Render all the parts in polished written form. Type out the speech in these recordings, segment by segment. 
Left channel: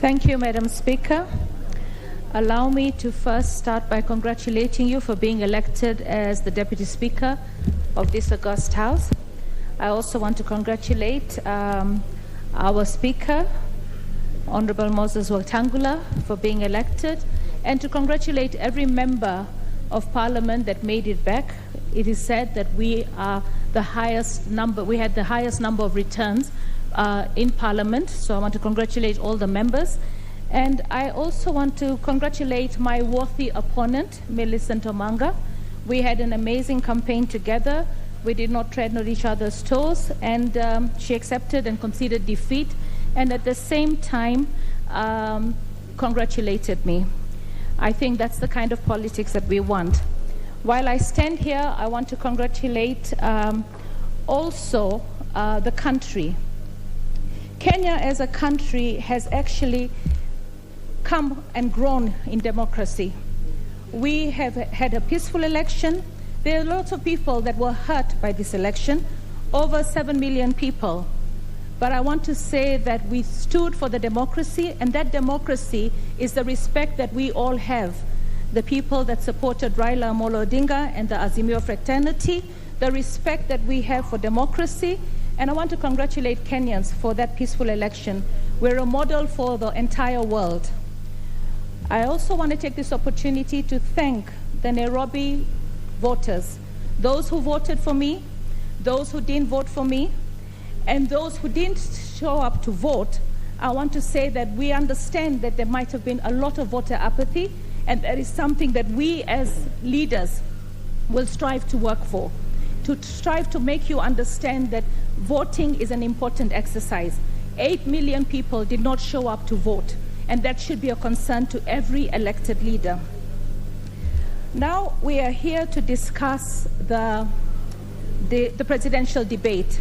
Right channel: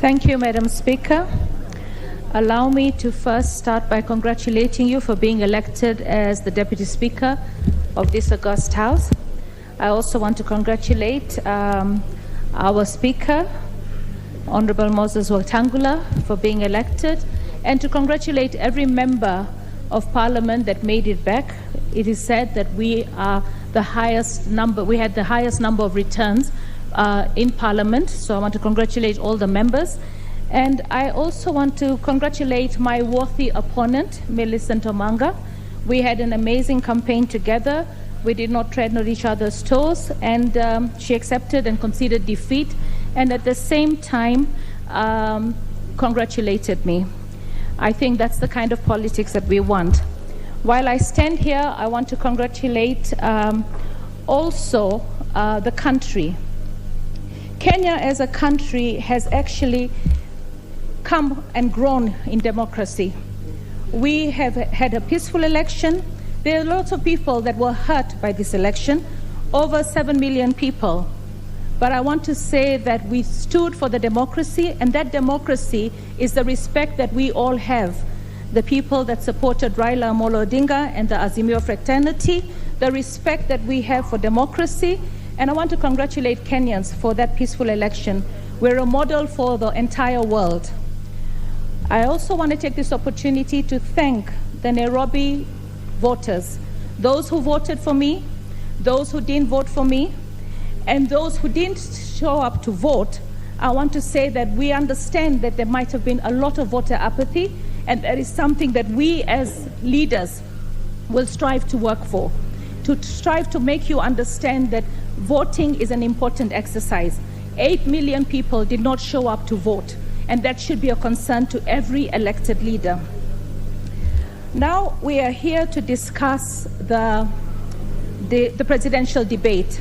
Thank you, Madam Speaker. Allow me to first start by congratulating you for being elected as the Deputy Speaker of this august House. I also want to congratulate our Speaker, Honorable Moses Wetangula, for being elected, and to congratulate every member of Parliament that made it back. It is said that we had the highest number of returns in Parliament, so I want to congratulate all the members. And I also want to congratulate my worthy opponent, Millicent Omanga. We had an amazing campaign together. We did not tread on each other's toes, and she accepted and conceded defeat, and at the same time congratulated me. I think that's the kind of politics that we want. While I stand here, I want to congratulate also the country. Kenya as a country has actually come and grown in democracy. We have had a peaceful election. There are lots of people that were hurt by this election, over 7 million people. But I want to say that we stood for the democracy, and that democracy is the respect that we all have. The people that supported Raila Amolo Odinga and the Azimio fraternity, the respect that we have for democracy, and I want to congratulate Kenyans for that peaceful election. We're a model for the entire world. I also want to take this opportunity to thank the Nairobi voters, those who voted for me, those who didn't vote for me, and those who didn't show up to vote. I want to say that we understand that there might have been a lot of voter apathy, and that is something that we as leaders will strive to work for, to strive to make you understand that voting is an important exercise. 8 million people did not show up to vote, and that should be a concern to every elected leader. Now we are here to discuss the presidential debate.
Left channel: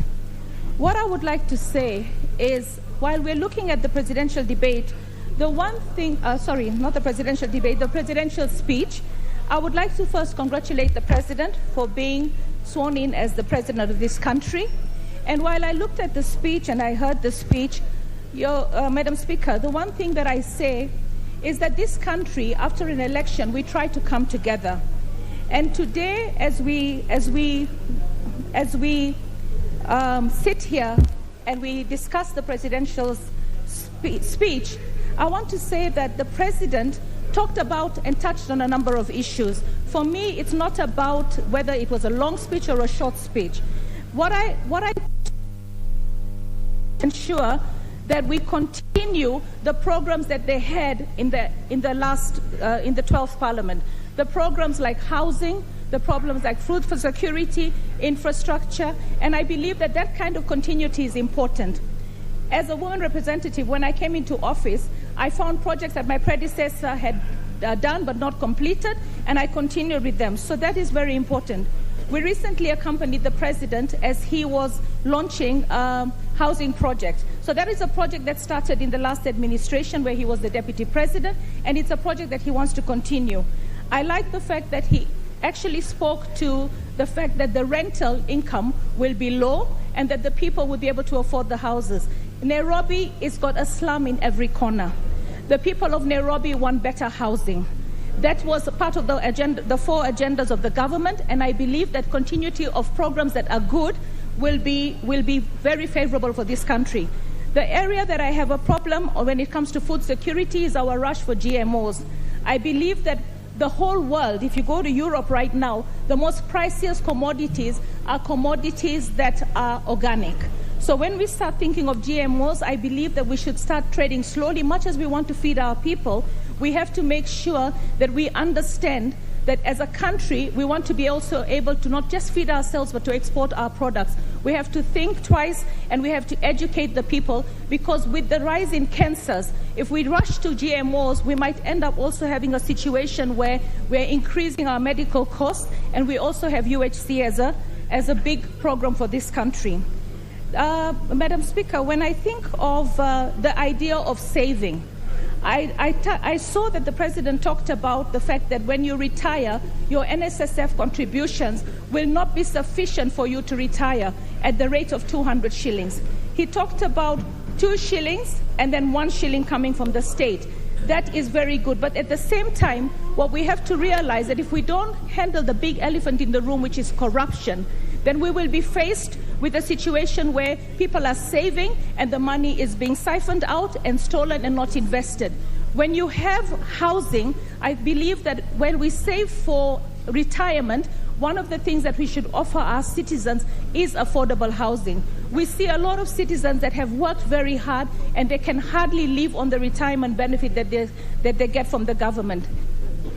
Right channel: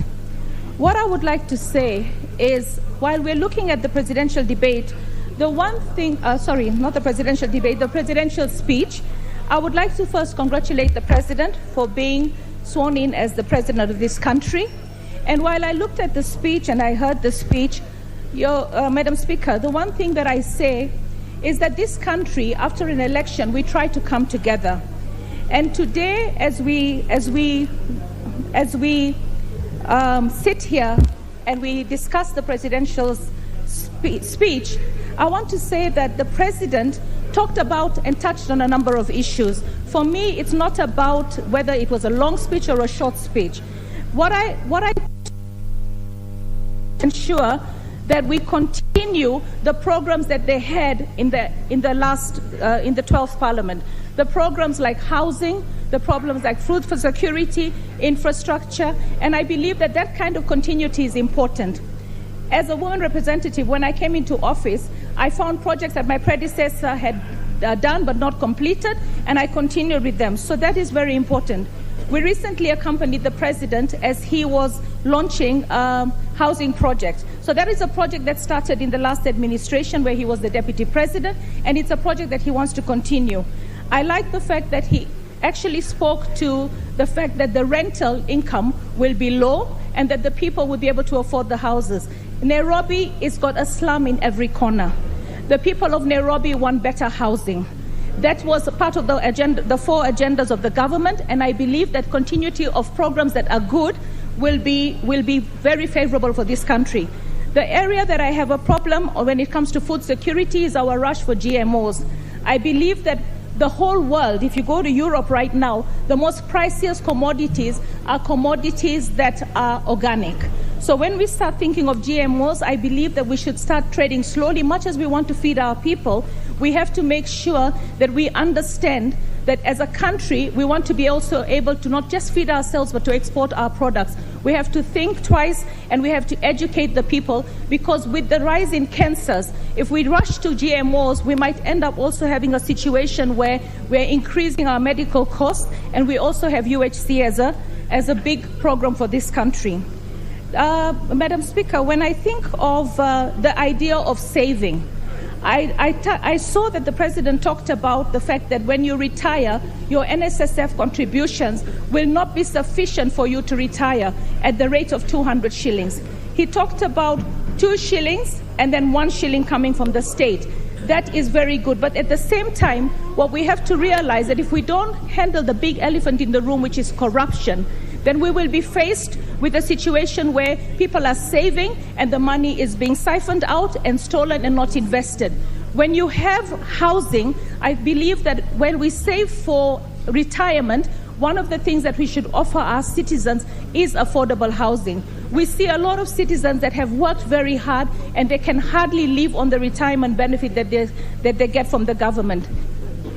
What I would like to say is, while we're looking at the presidential debate, the one thing, the presidential speech, I would like to first congratulate the President for being sworn in as the President of this country. And while I looked at the speech and I heard the speech, Madam Speaker, the one thing that I say is that this country, after an election, we try to come together. And today, as we sit here and we discuss the presidential speech, I want to say that the President talked about and touched on a number of issues. For me, it's not about whether it was a long speech or a short speech. What I ensure that we continue the programs that they had in the 12th Parliament. The programs like housing, the problems like food for security, infrastructure, and I believe that that kind of continuity is important. As a woman representative, when I came into office, I found projects that my predecessor had done but not completed, and I continued with them. So that is very important. We recently accompanied the President as he was launching housing project. So that is a project that started in the last administration where he was the Deputy President, and it's a project that he wants to continue. I like the fact that he actually spoke to the fact that the rental income will be low and that the people will be able to afford the houses. Nairobi has got a slum in every corner. The people of Nairobi want better housing. That was part of the agenda, the 4 agendas of the government, and I believe that continuity of programs that are good will be very favorable for this country. The area that I have a problem when it comes to food security is our rush for GMOs. I believe that the whole world, if you go to Europe right now, the most priciest commodities are commodities that are organic. So when we start thinking of GMOs, I believe that we should start trading slowly. Much as we want to feed our people, we have to make sure that we understand that as a country, we want to be also able to not just feed ourselves, but to export our products. We have to think twice, and we have to educate the people, because with the rise in cancers, if we rush to GMOs, we might end up also having a situation where we're increasing our medical costs, and we also have UHC as a big program for this country. Madam Speaker, when I think of the idea of saving, I saw that the President talked about the fact that when you retire, your NSSF contributions will not be sufficient for you to retire at the rate of 200 shillings. He talked about 2 shillings and then 1 shilling coming from the state. That is very good. But at the same time, what we have to realize that if we don't handle the big elephant in the room, which is corruption, then we will be faced with a situation where people are saving and the money is being siphoned out and stolen and not invested. When you have housing, I believe that when we save for retirement, one of the things that we should offer our citizens is affordable housing. We see a lot of citizens that have worked very hard and they can hardly live on the retirement benefit that they get from the government.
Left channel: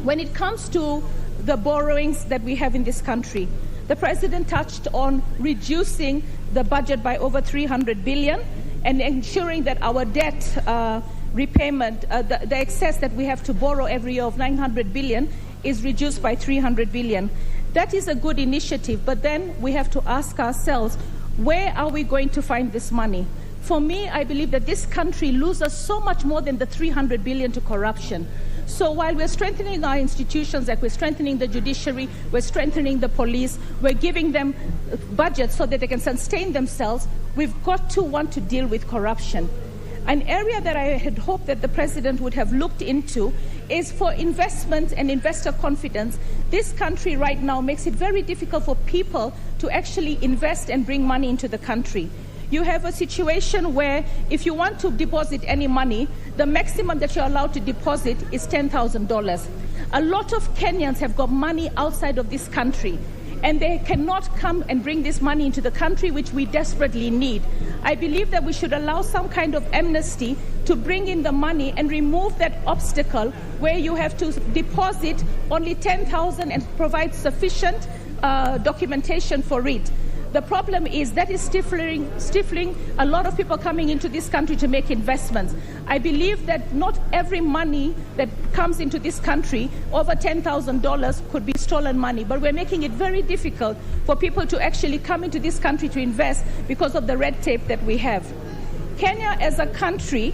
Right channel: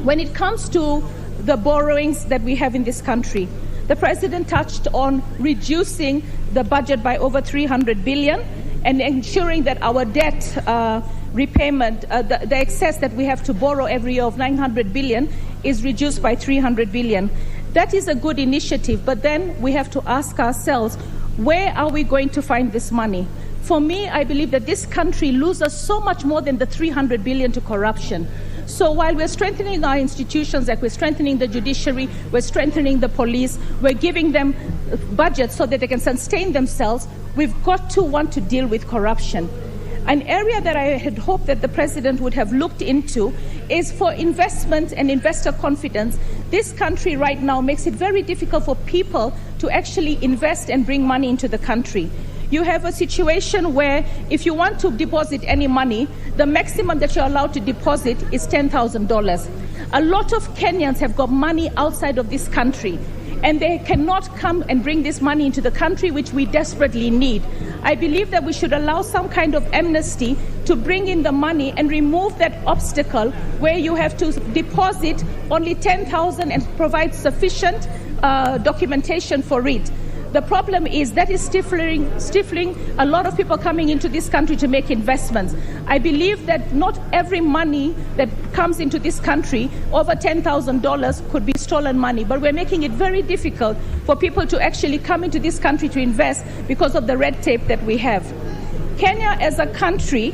When it comes to the borrowings that we have in this country, the President touched on reducing the budget by over 300 billion and ensuring that our debt repayment, the excess that we have to borrow every year of 900 billion is reduced by 300 billion. That is a good initiative, but then we have to ask ourselves, where are we going to find this money? For me, I believe that this country loses so much more than the 300 billion to corruption. So while we're strengthening our institutions, like we're strengthening the judiciary, we're strengthening the police, we're giving them budgets so that they can sustain themselves, we've got to want to deal with corruption. An area that I had hoped that the President would have looked into is for investment and investor confidence. This country right now makes it very difficult for people to actually invest and bring money into the country. You have a situation where if you want to deposit any money, the maximum that you're allowed to deposit is $10,000. A lot of Kenyans have got money outside of this country, and they cannot come and bring this money into the country, which we desperately need. I believe that we should allow some kind of amnesty to bring in the money and remove that obstacle where you have to deposit only 10,000 and provide sufficient documentation for it. The problem is that is stifling a lot of people coming into this country to make investments. I believe that not every money that comes into this country, over $10,000, could be stolen money, but we're making it very difficult for people to actually come into this country to invest because of the red tape that we have. Kenya as a country,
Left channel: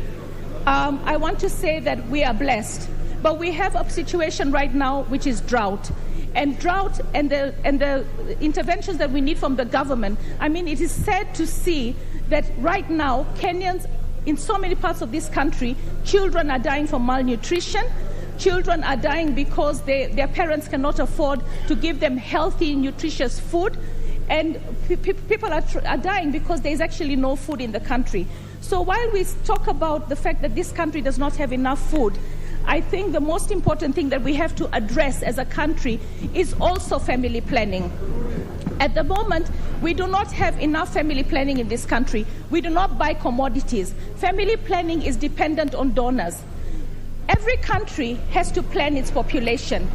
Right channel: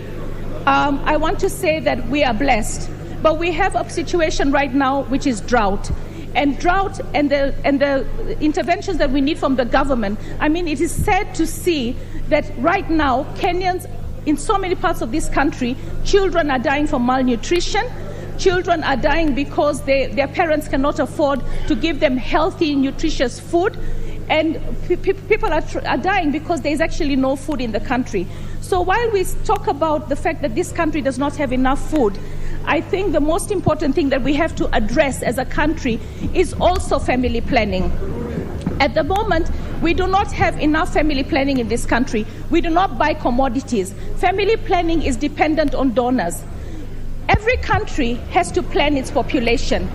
I want to say that we are blessed, but we have a situation right now which is drought. And drought and the interventions that we need from the government. I mean, it is sad to see that right now, Kenyans, in so many parts of this country, children are dying from malnutrition. Children are dying because their parents cannot afford to give them healthy, nutritious food. And people are dying because there is actually no food in the country. So while we talk about the fact that this country does not have enough food, I think the most important thing that we have to address as a country is also family planning. At the moment, we do not have enough family planning in this country. We do not buy commodities. Family planning is dependent on donors. Every country has to plan its population.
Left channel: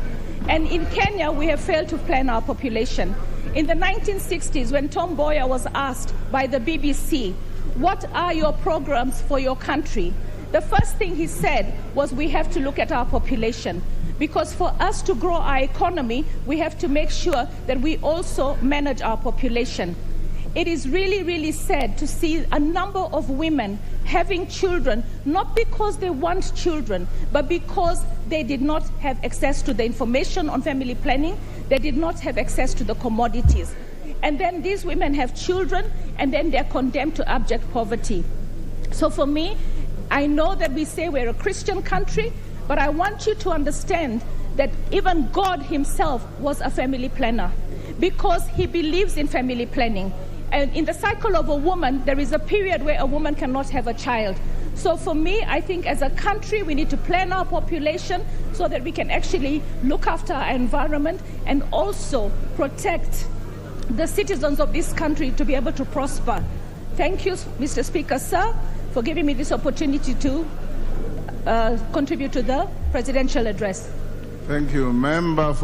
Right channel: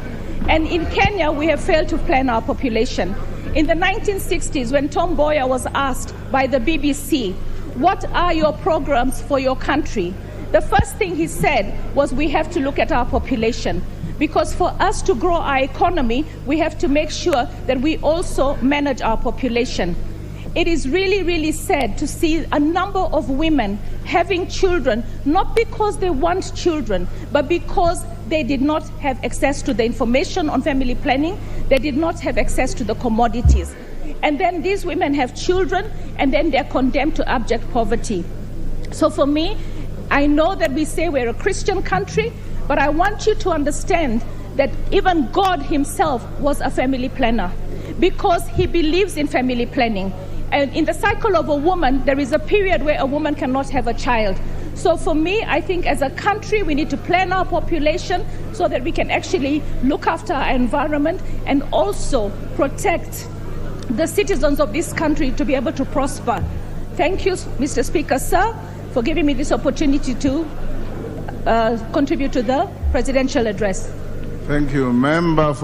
And in Kenya, we have failed to plan our population. In the 1960s, when Tom Mboya was asked by the BBC, what are your programs for your country? The first thing he said was we have to look at our population, because for us to grow our economy, we have to make sure that we also manage our population. It is really, really sad to see a number of women having children, not because they want children, but because they did not have access to the information on family planning, they did not have access to the commodities. And then these women have children, and then they're condemned to abject poverty. So for me, I know that we say we're a Christian country, but I want you to understand that even God himself was a family planner, because he believes in family planning. And in the cycle of a woman, there is a period where a woman cannot have a child. So for me, I think as a country, we need to plan our population so that we can actually look after our environment and also protect the citizens of this country to be able to prosper. Thank you, Mr. Speaker, sir, for giving me this opportunity to contribute to the presidential address. Thank you, Member.